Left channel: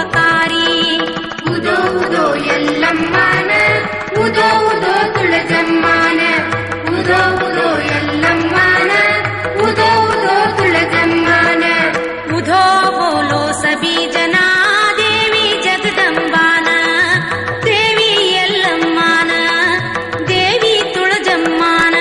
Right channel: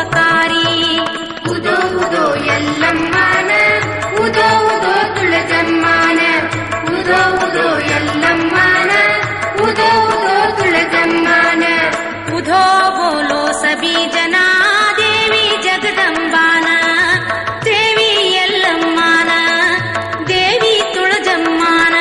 ಉಪಕಾರಿ. ಉದೋ ಉದೋ ಎಲ್ಲಮ್ಮನ ಉದೋ ಉದೋ ತುಳಜಮ್ಮನ ಉದೋ ಉದೋ ಎಲ್ಲಮ್ಮನ ಉದೋ ಉದೋ ತುಳಜಮ್ಮನ. ಉಧೋ ಬೋಲೋ ಸಬಿ ಜನ ದೇವಿ ಜಗದಂಬಾನ ದೇವಿ ಎಲ್ಲಮ್ಮನ ದೇವಿ ತುಳಜಮ್ಮನ.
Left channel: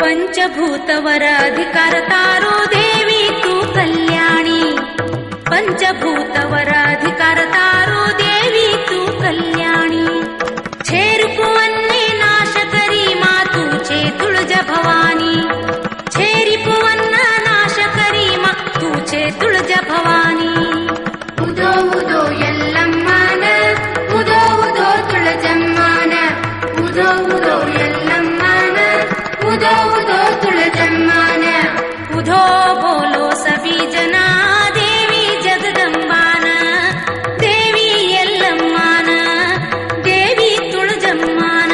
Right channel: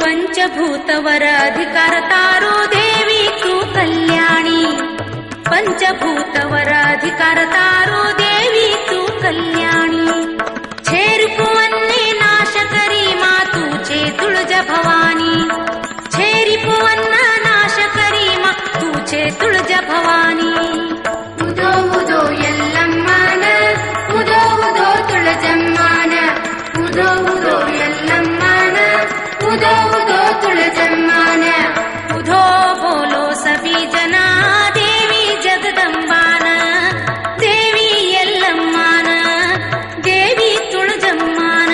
ಪಂಚಭೂತವರ ಅಧಿಕಾರ ತಾರೋ ದೇವಿ ತೂ ಕಲ್ಯಾಣಿ. ಪಂಚಭೂತವರ ಅಧಿಕಾರ ತಾರೋ ದೇವಿ ತೂ ಕಲ್ಯಾಣಿ. ಛೇರಿಪುವನ್ನೇ ನಾಶಕರಿ ಮಾತು ಚೇ ತುಳಜ ಭವಾನಿ. ಛೇರಿಪುವನ್ನ ನಾಶಕರಿ ಮಾತು ಚೇ ತುಳಜ ಭವಾನಿ. ಉದೋ ಉದೋ ಎಲ್ಲಮ್ಮನ ಉದೋ ಉದೋ ತುಳಜಮ್ಮನ ಉದೋ ಉದೋ ಎಲ್ಲಮ್ಮನ ಉದೋ ಉದೋ ತುಳಜಮ್ಮನ. ಉಧೋ ಬೋಲೋ ಸಬಿ ಜನ ದೇವಿ ಜಗದಂಬಾನ ದೇವಿ ಎಲ್ಲಮ್ಮನ ದೇವಿ ತುಳಜಮ್ಮನ.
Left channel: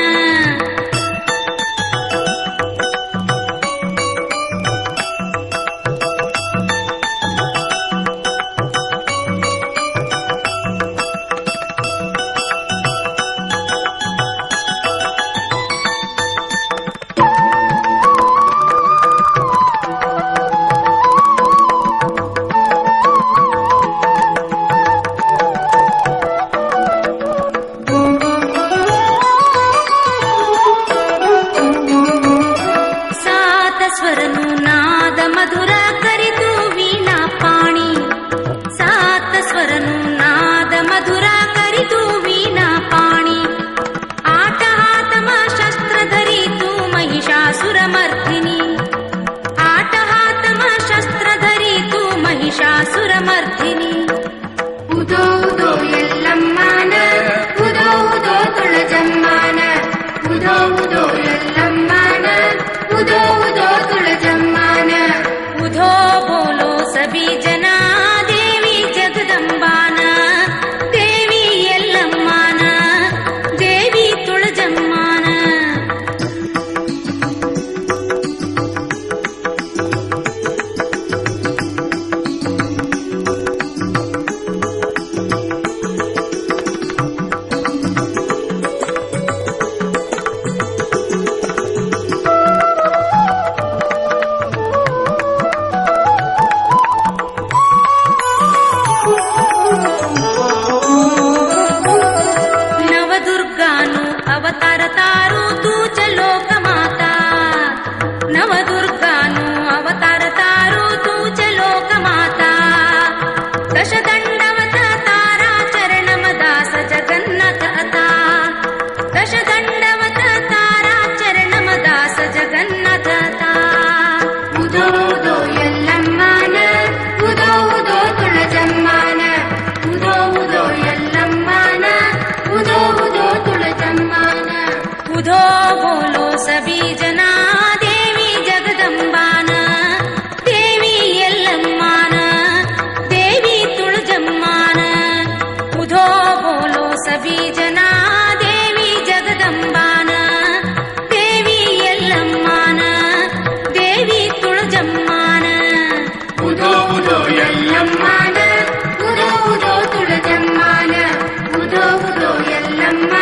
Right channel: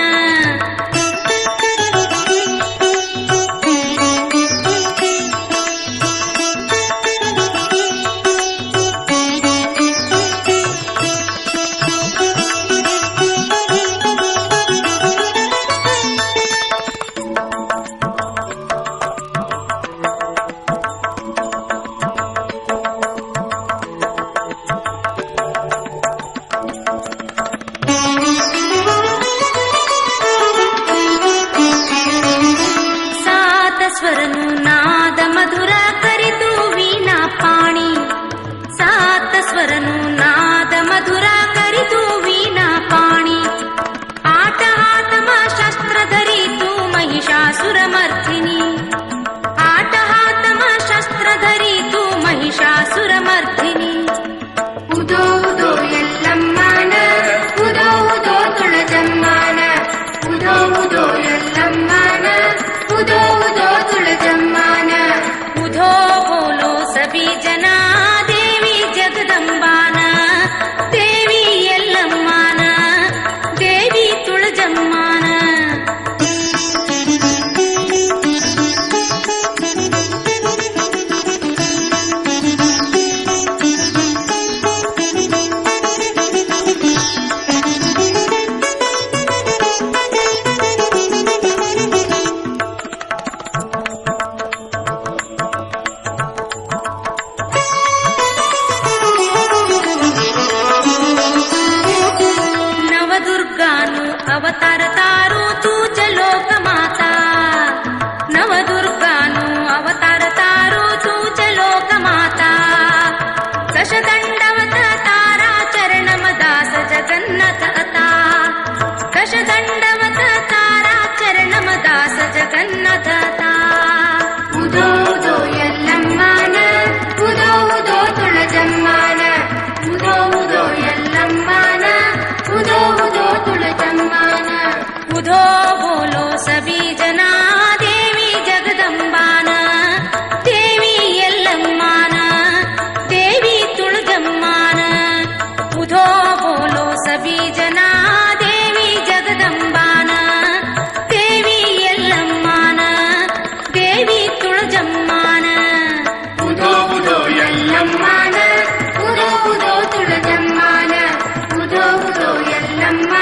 ಸ್ವರನು ನಾದ ಮಧುರ ಕರಿದು ವೀಣಾ ಪಾಣಿ. ಸಾತ ಸ್ವರನು ನಾದ ಮಧುರ ಕರಿದು ವೀಣಾ ಪಾಣಿ. ಆಟ ಹಾತಮ ಶಸ್ತ್ರ ಧರಿತು ಮಹಿಷಾಸುರ ಮರ್ದಿನಿ. ಆಟ ಹಾತಮ ಶಸ್ತ್ರ ಧರಿತು ಮಹಿಷಾಸುರ ಮರ್ದಿನಿ. ಉದೋ ಉದೋ ಎಲ್ಲಮ್ಮನ ಉದೋ ಉದೋ ತುಳಜಮ್ಮನ ಉದೋ ಉದೋ ಎಲ್ಲಮ್ಮನ ಉದೋ ಉದೋ ತುಳಜಮ್ಮನ. ಉಧೋ ಬೋಲೋ ಸಬಿ ಜನ ದೇವಿ ಜಗದಂಬಾನ ದೇವಿ ಎಲ್ಲಮ್ಮನ ದೇವಿ ತುಳಜಮ್ಮನ. ನವದುರ್ಗಾನು ಅವತಾರ ತಾರು ತೂಚ ಲೋಕ ಮಾತಾ. ನವದುರ್ಗಾನು ಅವತಾರ ತಾರು ತೂಚ ಲೋಕ ಮಾತಾ. ದಶದಂಡವತ ತಾರಾ ಚರಣಮ ದಾಸ ಜಗನ್ನಥ ಅತಾ. ದಶದಂಡವತ ತಾರಾ ಚರಣಮ ದಾಸ ಜಗನ್ನಥ ಅತಾ. ಉದೋ ಉದೋ ಎಲ್ಲಮ್ಮನ ಉದೋ ಉದೋ ತುಳಜಮ್ಮನ ಉದೋ ಉದೋ ಎಲ್ಲಮ್ಮನ ಉದೋ ಉದೋ ತುಳಜಮ್ಮನ. ಉಧೋ ಬೋಲೋ ಸಬಿ ಜನ ದೇವಿ ಜಗದಂಬಾನ ದೇವಿ ಎಲ್ಲಮ್ಮನ ದೇವಿ ತುಳಜಮ್ಮನ. ಉಧೋ ಬೋಲೋ ಸಬಿ ಜನ ದೇವಿ ಜಗದಂಬಾನ ದೇವಿ ಎಲ್ಲಮ್ಮನ ದೇವಿ ತುಳಜಮ್ಮನ. ಉದೋ ಉದೋ ಎಲ್ಲಮ್ಮನ ಉದೋ ಉದೋ ತುಳಜಮ್ಮನ ಉದೋ ಉದೋ ಎಲ್ಲಮ್ಮ